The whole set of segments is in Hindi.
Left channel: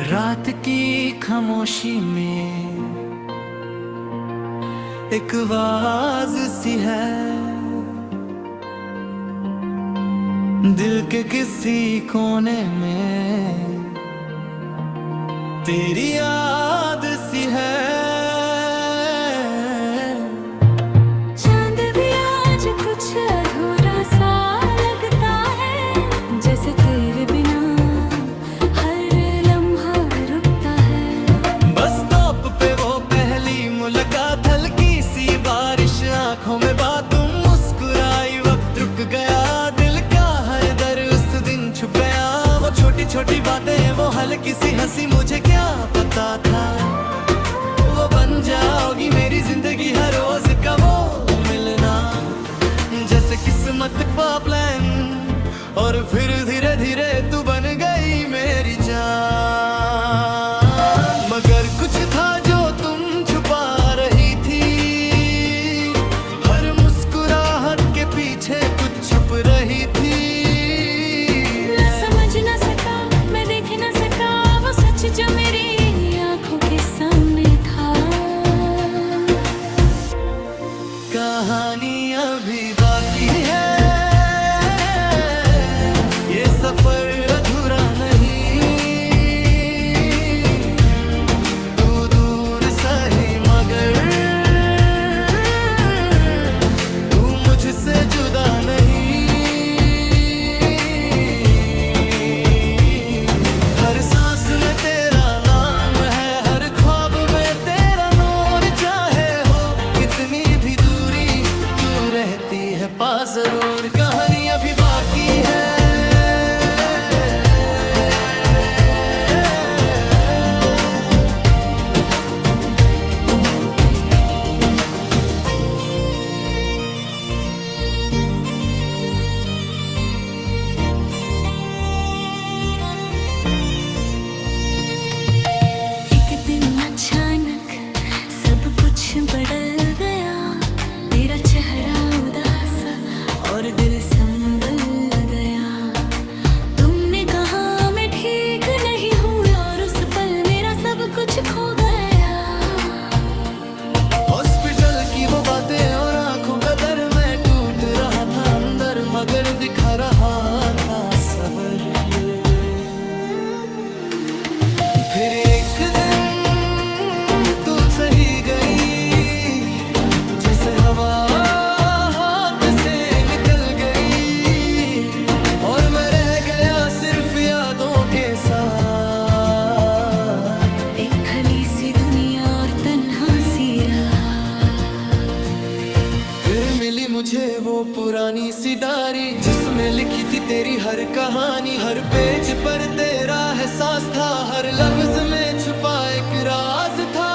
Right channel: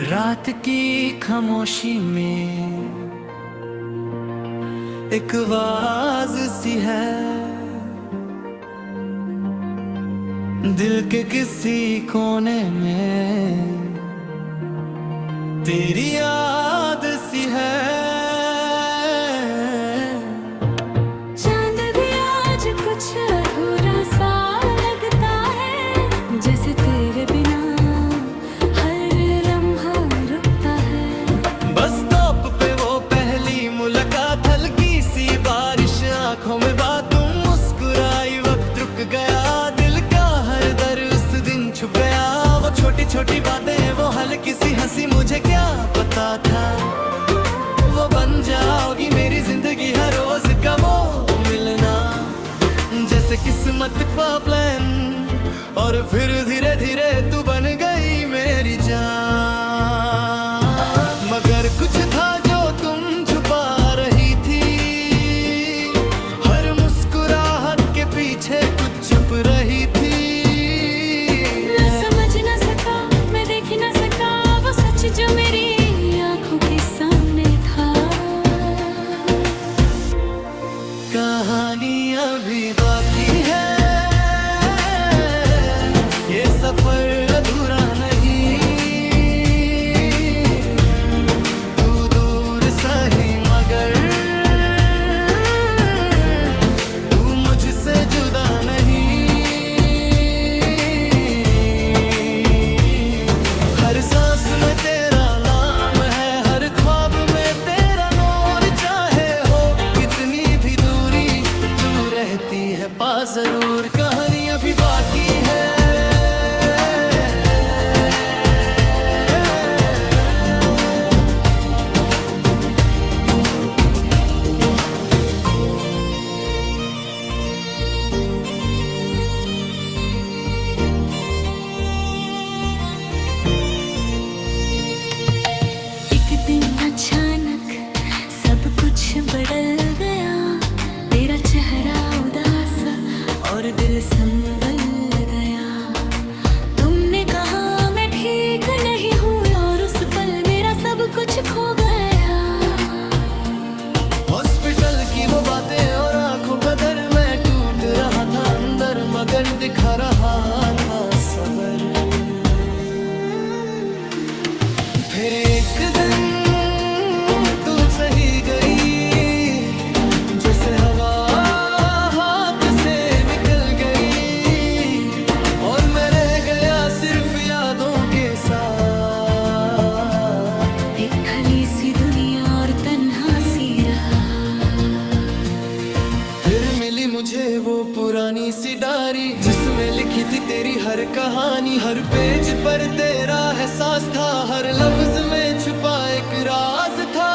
रात की खामोशी में एक आवाज सी है, दिल के किसी कोने में तेरी याद सी है। चांद भी आज कुछ अधूरा सा लगता है, जैसे तेरे बिना हर लम्हा रुकता है। बस स्टॉप पे वो पहली मुलाकात, हल्की सी बारिश आंखों में बात, तुम मुस्कुराई वक्त रुक गया, दिल का हर दर्द उस दिन छुप गया। वो छोटी छोटी बातें, वो हल्की सी हंसी, मुझे क्या पता था वो बन जाओगी मेरी जिंदगी, हर रोज का वो मिलना जैसे किस्मत का प्लान। और फिर धीरे धीरे तू बन गई मेरी जान, मगर कुछ था जो तुम छुपा रही थी, हर मुस्कुराहट के पीछे कुछ छुप रही थी। मैं समझ न सका, मैं देख न सका वो सच जो मेरी आंखों के सामने था। कहानी अभी बाकी है, ये सफर अधूरा नहीं, तू दूर सही मगर तू मुझसे जुदा नहीं। हर सांस में तेरा नाम है, हर ख्वाब में तेरा नूर, चाहे हो कितनी भी दूरी तू रहती है पास जरूर। कहानी अभी बाकी है। अचानक सब कुछ बदल गया, तेरा चेहरा उदास और दिल संभल गया। तुमने कहा मैं ठीक नहीं हूँ और उस पल मेरा सब कुछ खो गया। हॉस्पिटल की वो बातें और आंखों का दर, मैं टूट रहा था अंदर मगर दिखा रहा था सबर। फिर एक दिन तू सही गई, जैसे हवा हाथ से निकल गई, और मैं रह गया सिर्फ यादों के साथ। एक खाली सी दुनिया और तन्हा सी रात। फिर मिली मुझे वो पुरानी सी डायरी, जिसमें लिखी थी तेरी हर कहानी, हर पेज पर तेरा एहसास था, हर लफ्ज में छुपा एक राज था।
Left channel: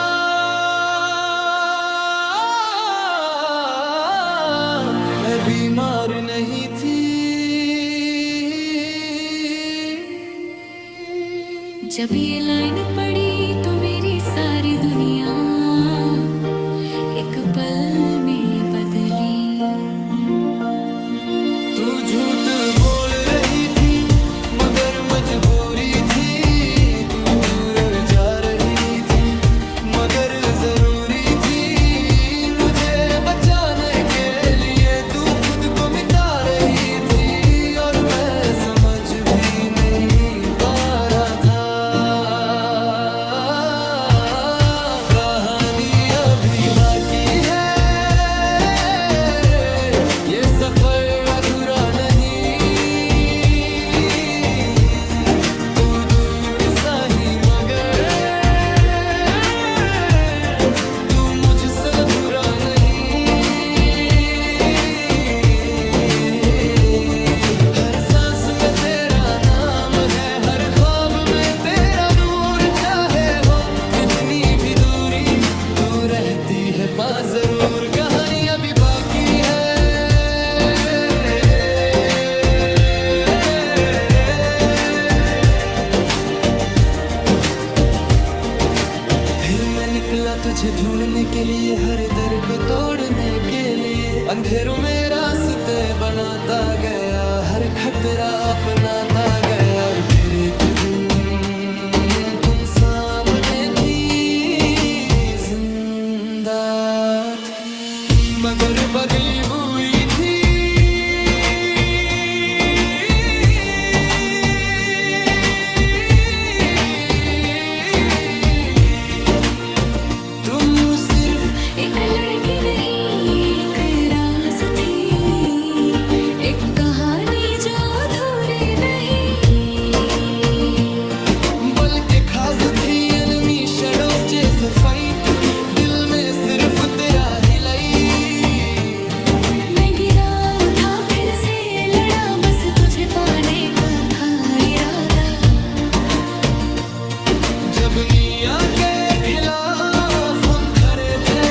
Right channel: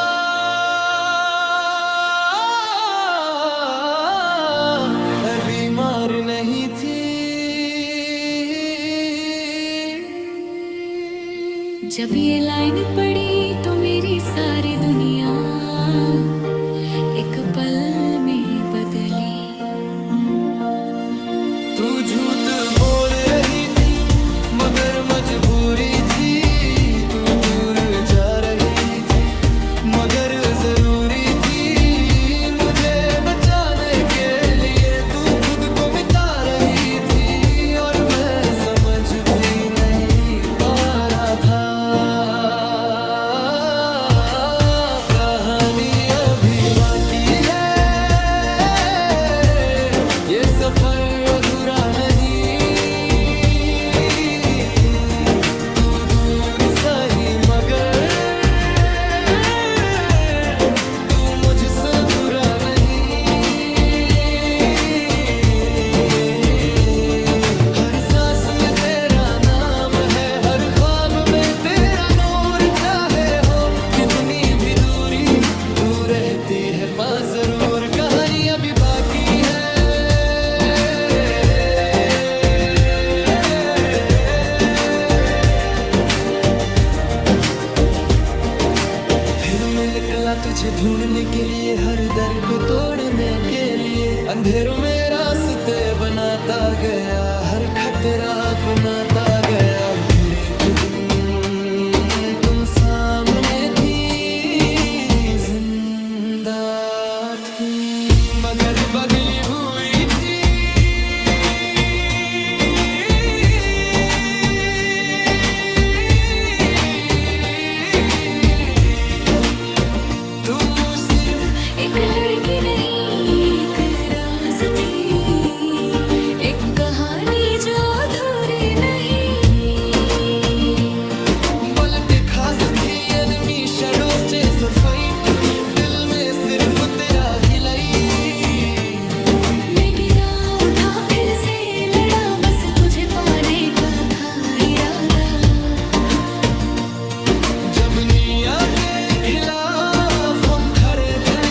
मैं बीमार नहीं थी, जब ये लाइन पड़ी तो मेरी सारी दुनिया एक पल में बदली। तू झूठ बोल रही थी मगर मजबूरी थी, तू दूर जा रही थी मगर जरूरी थी, मुझे बचाने के लिए तू खुद को मिटा रही थी, और मैं समझ भी नहीं पा रहा था। कहानी अभी बाकी है, ये सफर अधूरा नहीं, तू दूर सही मगर तू मुझसे अधूरा नहीं। हर सांस में तेरा नाम है, हर ख्वाब में तेरा नूर, चाहे हो कितनी भी दूरी तू रहती है पास जरूर। कहानी अभी बाकी है। फिर मैं निकला तुझे ढूंढने के लिए, हर दर को तोड़ने के लिए, अंधेरों में रास्ता बातें बनाता गया, हर खतरा अपनाता गया। और फिर एक दिन तुम सामने थी, जिंदा थी मगर बदली हुई थी। तुम सिर्फ एक लड़की नहीं, एक राज थी, एक कहानी जो अधूरी नहीं, बल्कि खास थी। एनिमी शैडोज चेस और फाइट, दिल में सिर्फ तेरा ही लाई। मैं गिरा उठा फिर से लड़ा, बस तुझे पाने का था इरादा। जब निया के खिलाफ हम खड़े थे,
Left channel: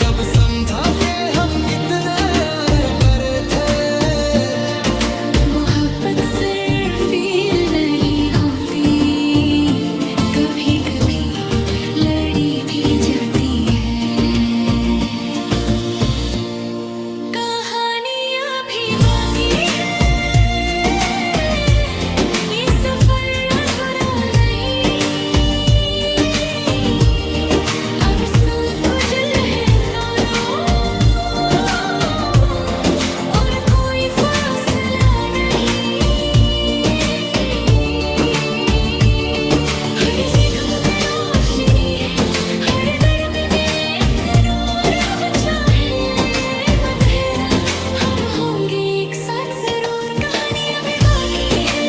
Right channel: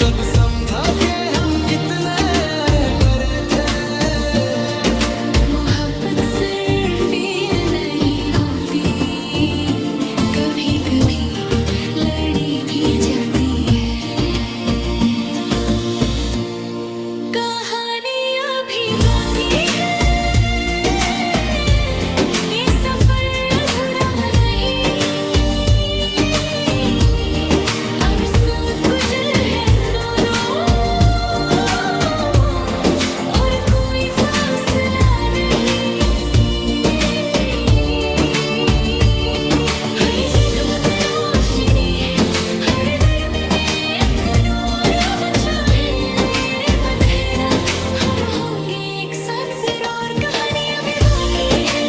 तब समझा के हम कितने बड़े थे। मोहब्बत सिर्फ फील नहीं होती, कभी कभी लड़ी भी जाती है। कहानी अभी बाकी है, ये सफर अधूरा नहीं। अब सब कुशल है दोनों, और कोई फासला नहीं। हर जगह में रोशनी है, हर दर में एक नूर अब चाहे मदहरा। हम होंगे एक साथ जरूर, कहानी अभी बाकी है।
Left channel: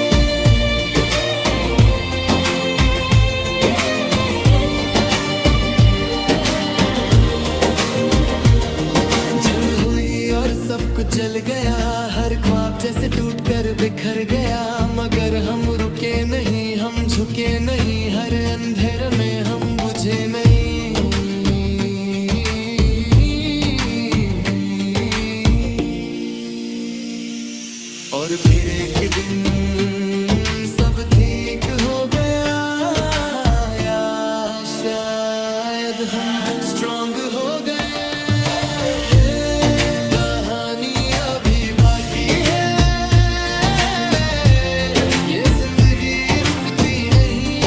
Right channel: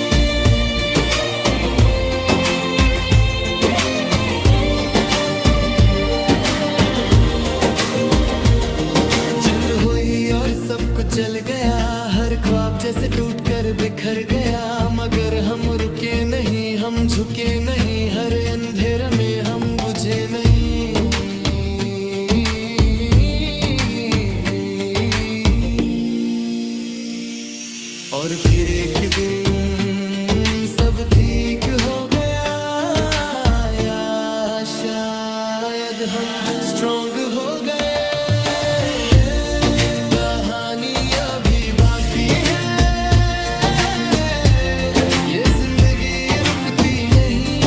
जंग हुई और सब कुछ जल गया, हर ख्वाब जैसे टूट कर बिखर गया। मगर हम रुके नहीं, हम झुके नहीं, हर अंधेरे में हम बुझे नहीं। और फिर एक दिन सब ठीक हो गया, या शायद हम स्ट्रॉन्ग हो गए। कहानी अभी बाकी है, ये जिंदगी रुकती नहीं।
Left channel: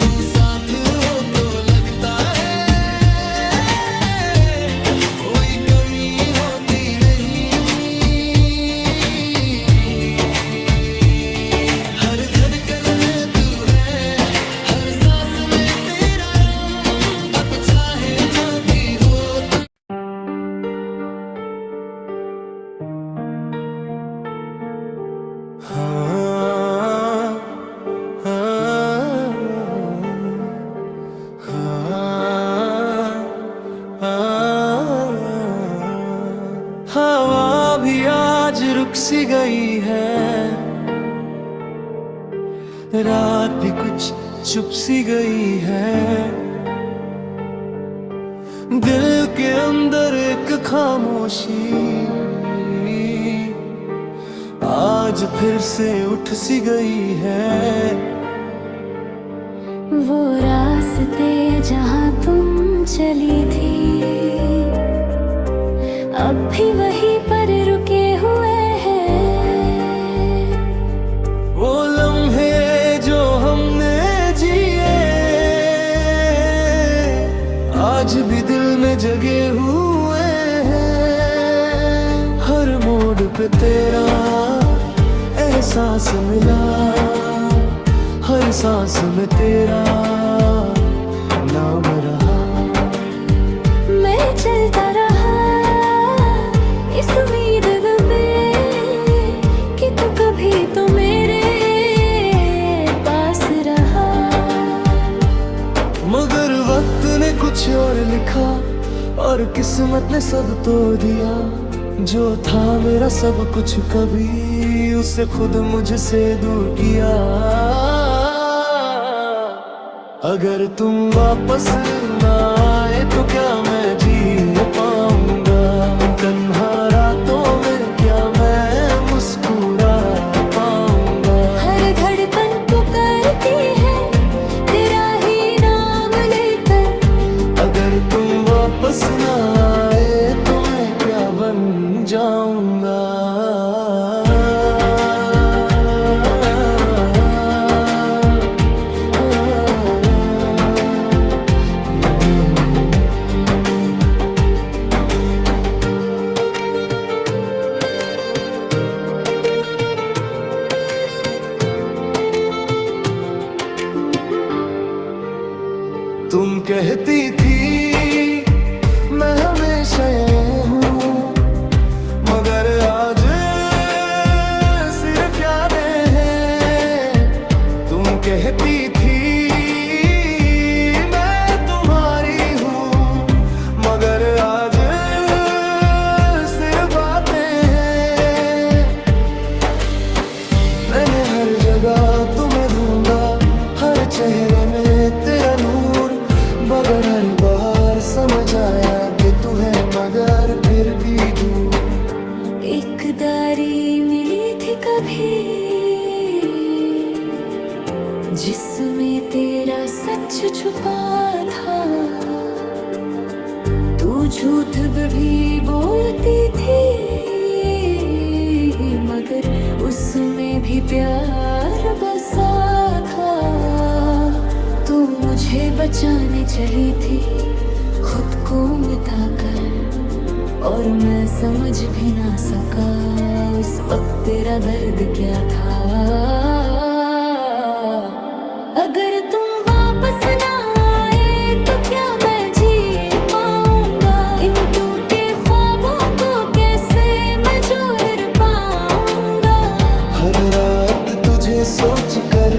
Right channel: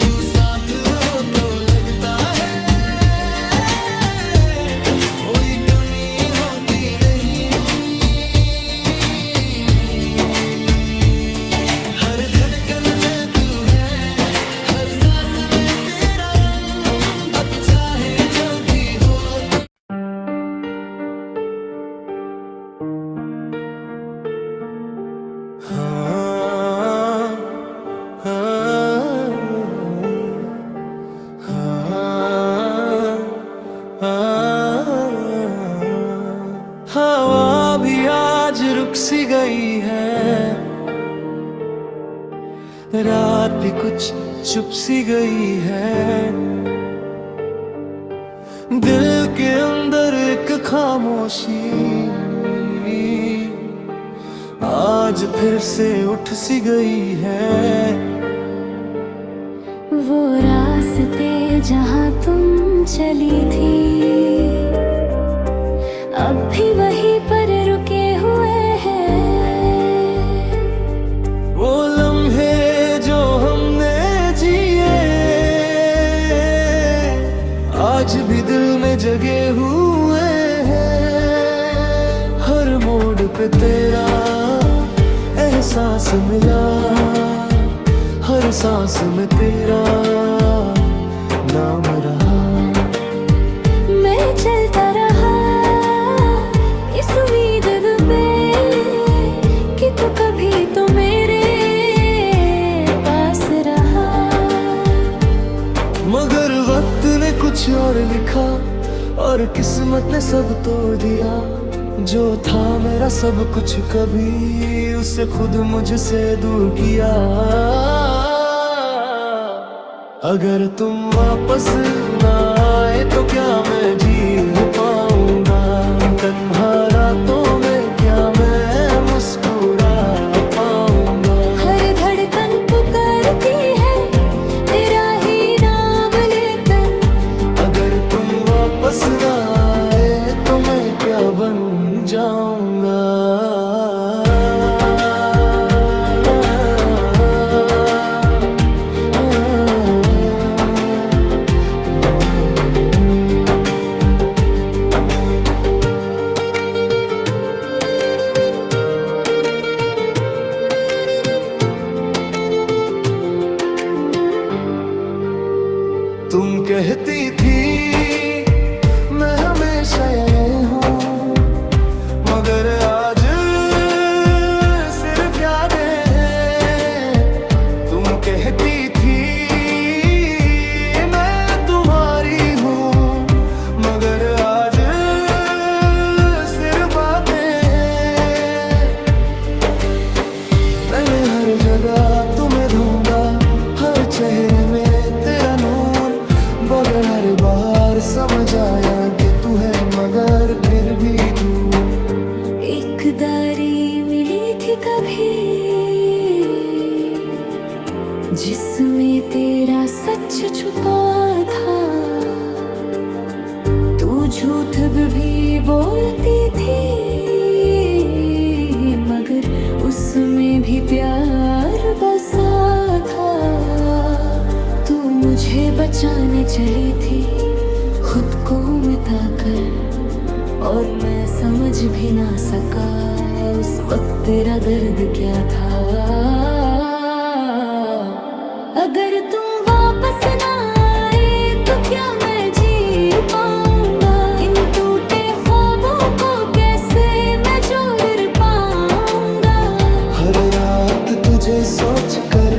तू साथ हो तो लगता है कोई कमी होती नहीं। हर धड़कन में तू है, हर सांस में तेरा रंग। अब चाहे जो भी हो तो हवा भी आज रुक सी गई है, रात भी कुछ चुप सी गई है। दिल के अंदर एक खामोशी आज फिर से उठ सी गई है। वो रास्ते जहाँ तुम चली थी, अब भी वहीं पर रुके हुए हैं। वो लम्हे जो हमने जिए आज भी दिल में जगे हुए हैं। हर मोड़ पे तेरा एहसास मिला, हर सांस में तेरा नाम रहा। मैं चलता रहा इस उम्मीद पे कि तू कभी तो मेरे पास रहा। मगर वक्त ने कुछ और लिखा, और किस्मत ने सब तोड़ दिया। जो था मेरा सब कुछ कभी, उसे खुद मुझसे दूर किया। अगर तुम वापस ना आए तो क्या मैं जी पाऊंगा? तन्हा रातों में क्या मैं मुस्कुरा पाऊंगा? हर धड़कन पुकारती है तेरा ही नाम लेकर। अगर तुम वापस ना आए तो मैं क्या बन जाऊंगा। तुम कहती थी मैं हमेशा ये हूँ, मगर आज सिर्फ यादें हैं। तुम कहती थी मैं तुम्हारी हूँ, मगर आज सिर्फ बातें हैं। मैंने हर जगह तुम्हें ढूंढा, हर चेहरे में तेरा नूर, मगर हर बार समझ आया कि तू है मगर फिर भी दूर। एक दारी मिली थी कभी जिसमें तेरा सच छुपा था। तू झूठ भी बोलती थी मगर उसमें भी प्यार बसा था। तू मुझे बचाने चली थी खुद को मिटाकर, और मैं समझ भी ना सका उस वक्त तेरा दर्द क्या था। अगर तुम वापस ना आए तो क्या मैं जी पाऊंगा। इन टूटे ख्वाबों को कैसे मैं जोड़ पाऊंगा। हर रात तुझे सोचकर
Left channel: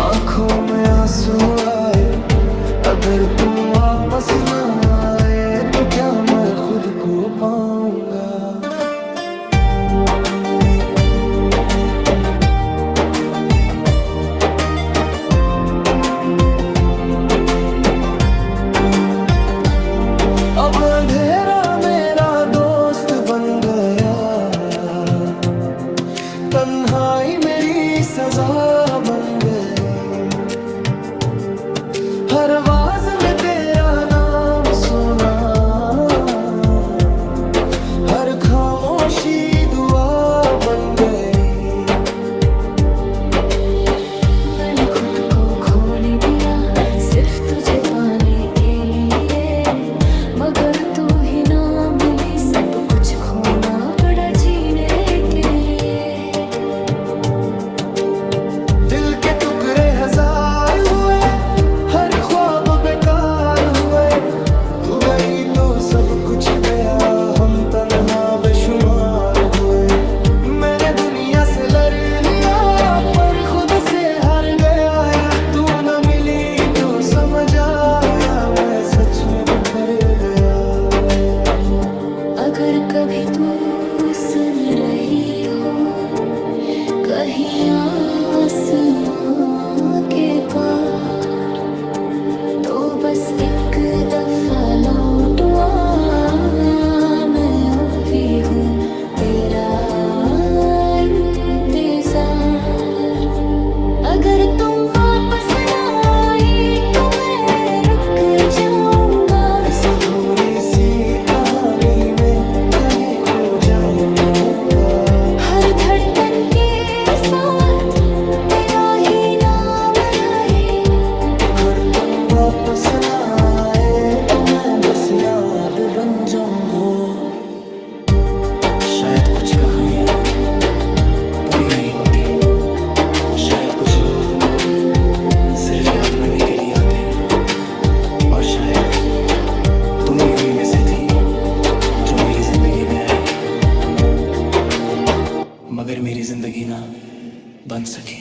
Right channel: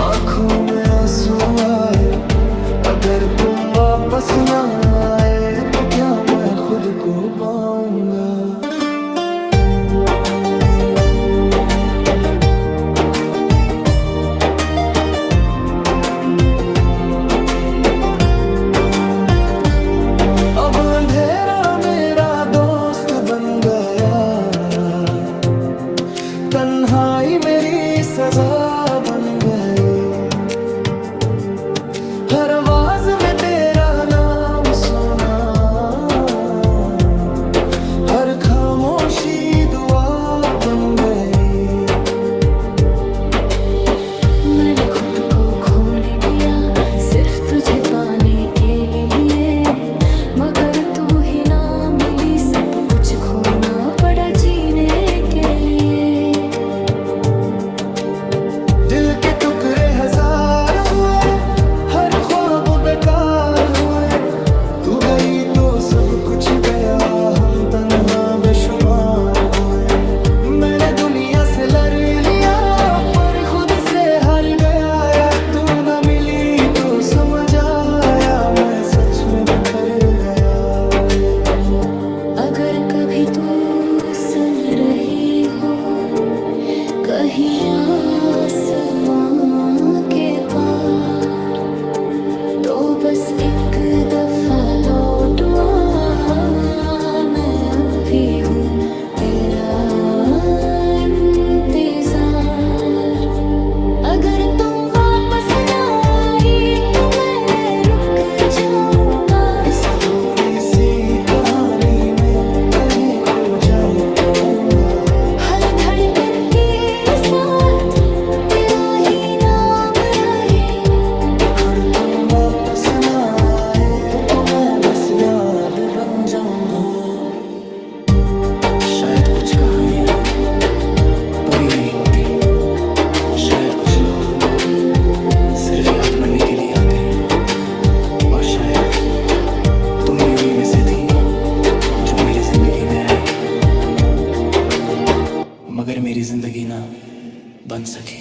आंखों में आंसू आए। अगर तुम वापस ना आए तो क्या मैं खुद को पाऊंगा। अब अंधेरा मेरा दोस्त बन गया, तन्हाई मेरी सजा बन गई। हर आवाज में तेरा नाम सुना, हर खामोशी दुआ बन गई। मैंने खुद को खोने दिया सिर्फ तुझे पाने के लिए, मगर तू ही ना मिली, सब कुछ खोना पड़ा जीने के लिए। दिल के टुकड़े हजार हुए, हर ख्वाब बेकार हुए। तू गई तो सब कुछ गया, हम तन्हा बेशुमार हुए। मैंने दुनिया से लड़ लिया पर खुद से हार गया। या तू न मिली तो समझ आया मैं सच में बिखर गया। अगर कभी तू सुन रही हो कहीं आसमां के पार, तो बस एक दफा लौट आ। मैं अब भी हूँ तेरा इंतजार। अगर तुम वापस ना आए तो मैं रुक जाऊंगा। इस अधूरी सी कहानी में कहीं खो जाऊंगा। हर धड़कन के साथ तेरा ही नाम रहे। अगर तुम वापस ना आए तो मैं बस याद बन जाऊंगा। शायद कुछ कहानियां पूरी नहीं होती, शायद कुछ लोग सिर्फ याद बनने के लिए आते हैं, और शायद तुम भी उन्हीं में से थी जो मेरी जिंदगी में आई, मगर मेरी जिंदगी ना बन सकी।